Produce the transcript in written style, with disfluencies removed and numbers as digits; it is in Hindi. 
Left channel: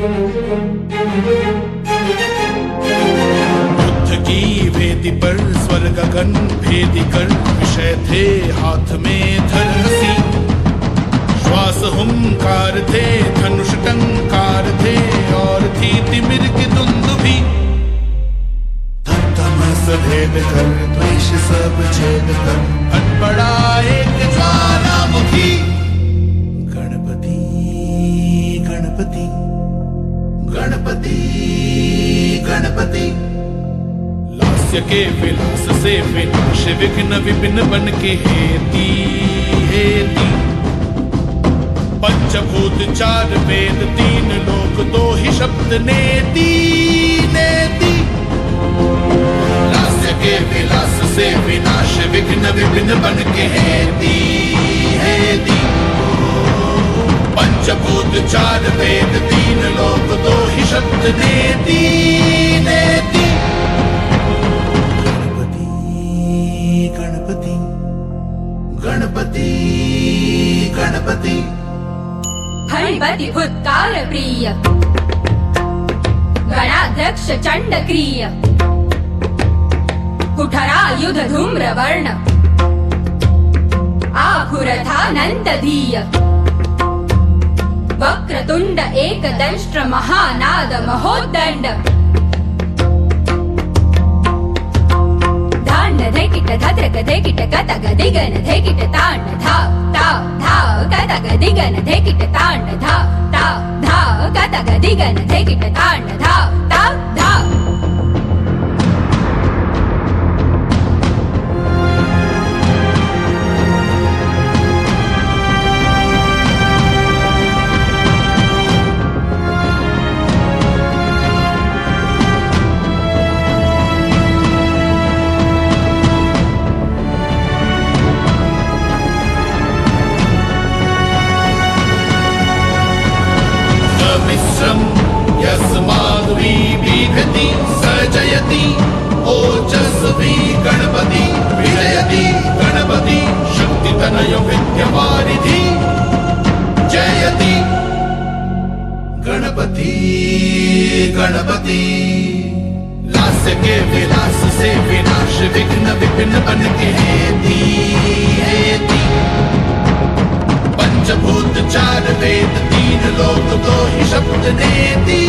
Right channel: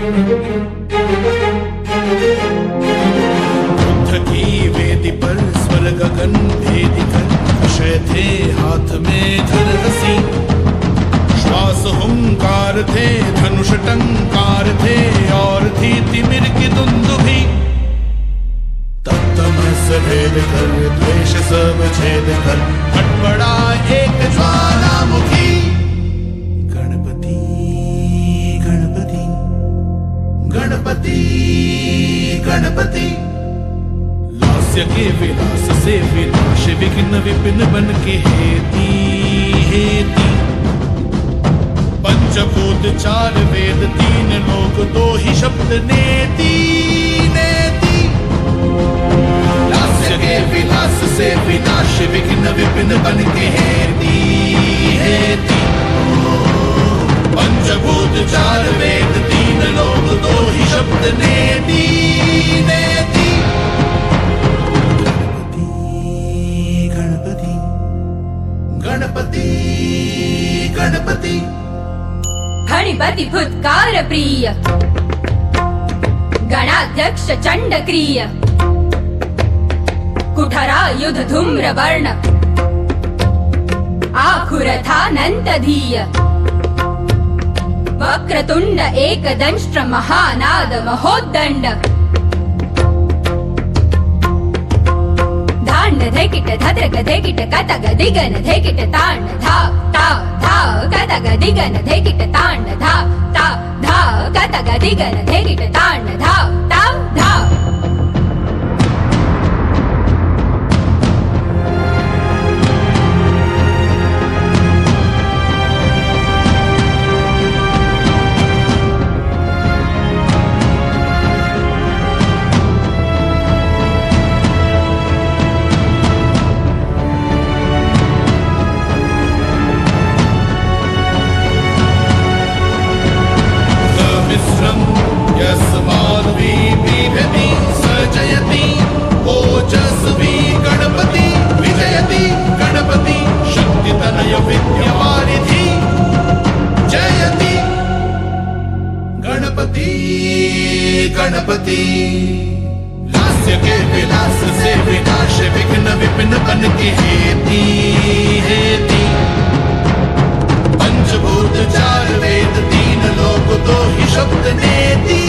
बुद्ध की वेदी पर स्वर गगन भेदी कर विषय थे हाथ में धनुषी, श्वास हुंकार थे धनुष टंकार थे और थी तिमिर की दुंदुभी। तत्तमय सभेद कर द्वेष सब छेद कर हटबड़ा एक ज्वालामुखी। गणपति गणपति गणपति गणपति, लास्य के विलास से विनाश विघ्न विपिन बन के हेती हेती। पंचभूत चार वेद तीन लोक दो ही शब्द नेति नेति। लास्य के विलास से विनाश विघ्न विपिन बन के हेती हेती। पंचभूत चार वेद तीन लोक दो ही शब्द नेति नेति। गणपति गणपति गणपति गणपति, हरिपति फुत्कार प्रिय गणाध्यक्ष चंडक्रिय। कुठरायुध धूम्र वर्ण आखुरथानंतधीय। वक्रतुंड एकदंष्ट्र महानाद महोद्दंड। धांड धैकिट धद्रक धैकिट कतग दिगन धैकिट तांड धाव ताव धाव कतग दिगन धैकिट तांड धाव ताव धाव कतग दिगन धैकिट तांड धाव ताव धाव। सजयति ओजस्वी गणपति विजयति गणपति शक्ति तनय विद्यावारिधि जयति गणपति गणपति। लास्य के विलास से विनाश विघ्न विपिन बन के हेती हेती। पंचभूत चार वेद तीन लोक दो ही शब्द नेति